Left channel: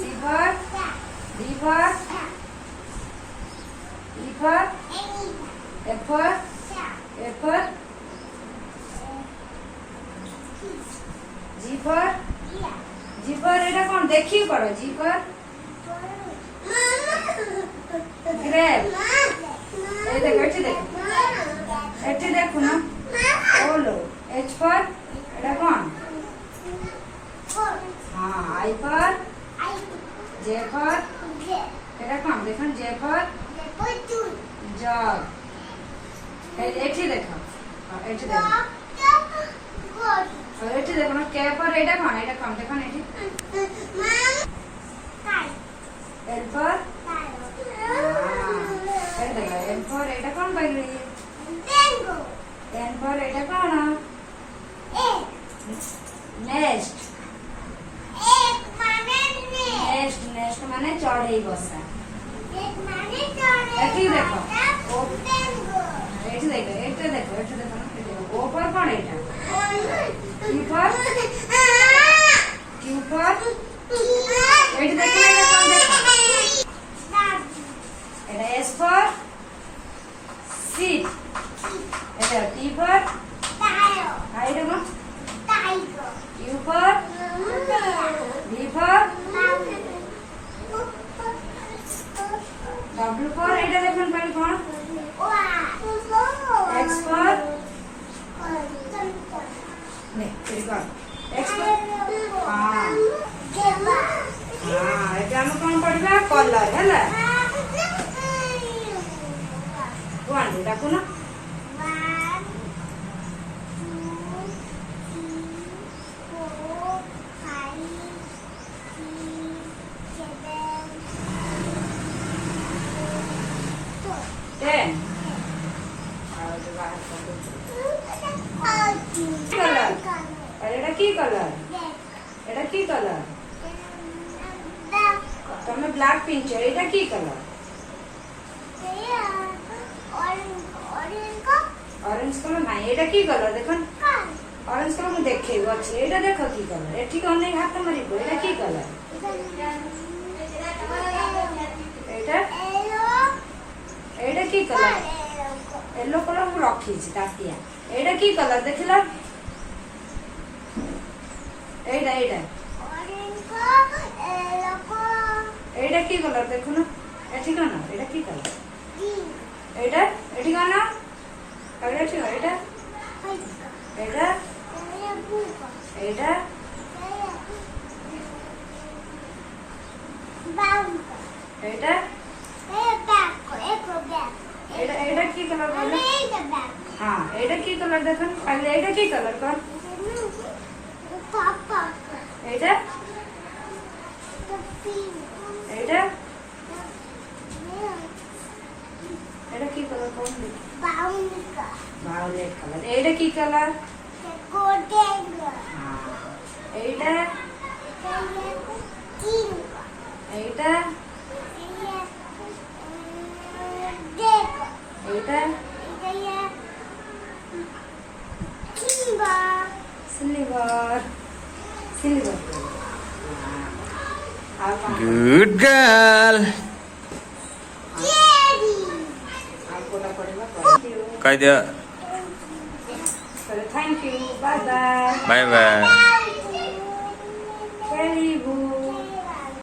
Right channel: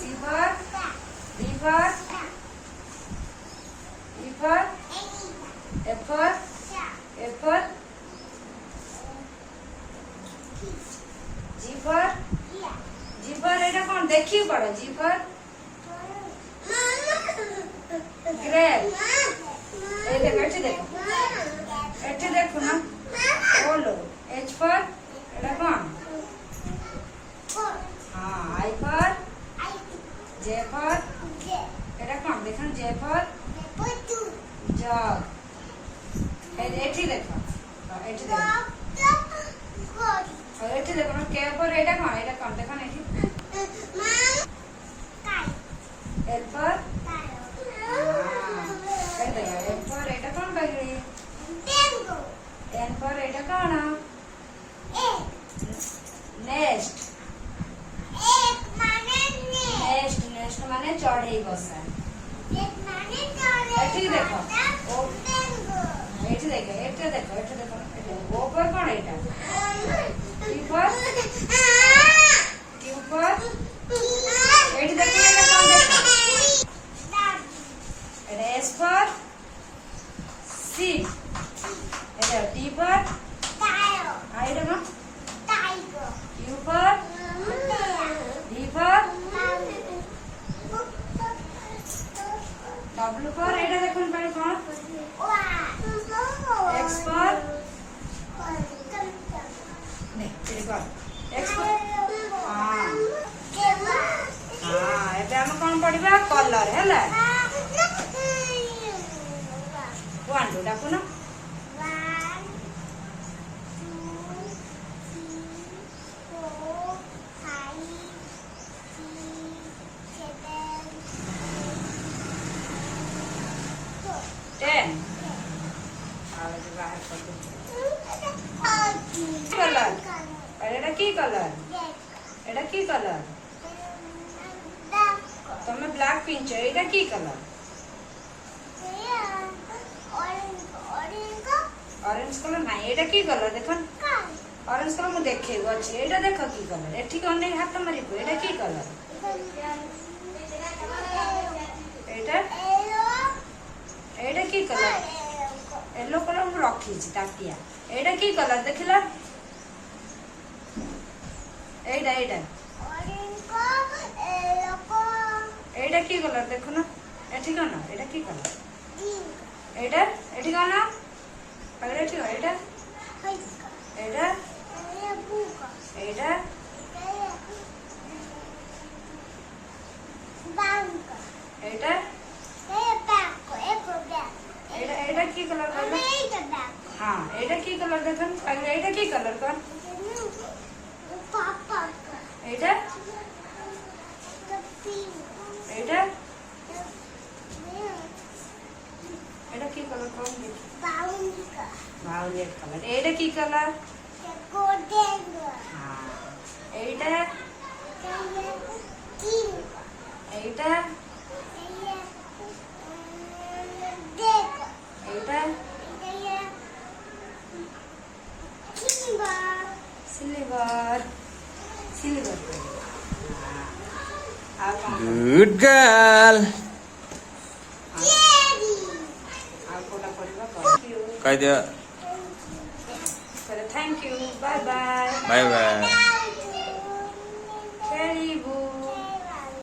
C for D for E for F for G for এটা কোন দেখি পড়ো G for গ্রেপ এই দেখো এটি দেখো না ওলো H for এটা কোন হ্যাঁ I for J for এটা কোন দেখুন J for জগ এটি দেখো এটি দেখো এটি দেখো না K for এটা কোন দেখুন এটি L for এই দেখো L for এটা কোন বাইরে N for এটা কোন নেক্সট নেক্সট মানে চড়েই বসা এটি দেখো এটি দেখো এটা দেখো ও পর কোন এটা কিউ পর এটি দেখো এটা কোন দেখো এটা এস পর সিট এটা টি পর আই দেখো কিউ পর ডি পর W for এটা দেখুন পারি কোন X for নে এটি কর X for এটা আমি কোন পড়িবা কলর হেলা কোন ডাকো না कलर और এটা কি কালার এটা কি কালার তুমি ব্ল্যাক পিনছো এটা কি কালার অরেঞ্জ কালার নাই এটা কি কালার দেখুন অরেঞ্জ কালার মু দেখেই আছে এটা দেখো কি কালার এটি কোন নাই হাত মারিবো এটা কি কালার এটা এটা কি কালার येलो कलर मु रखी ताटिया एटा की कलर देखिला एटा एटा की कलर देखो ना एठी कोन एटा की कलर एटा एठी कोन अरे एठी एटा एटा एटा एटा এটা কি কালার বলো হ্যাঁ এটা কি কালার দেখুন আগে এটা কি কালার কোন এটা এটা এটা কি কালার কোন ভায়োলেট কালার এটা কি কালার গোল্ডেন হ্যাঁ এইটা এইটা এটা সিলভার গুড গার্ল কই দিও thank you bye bye bye bye very good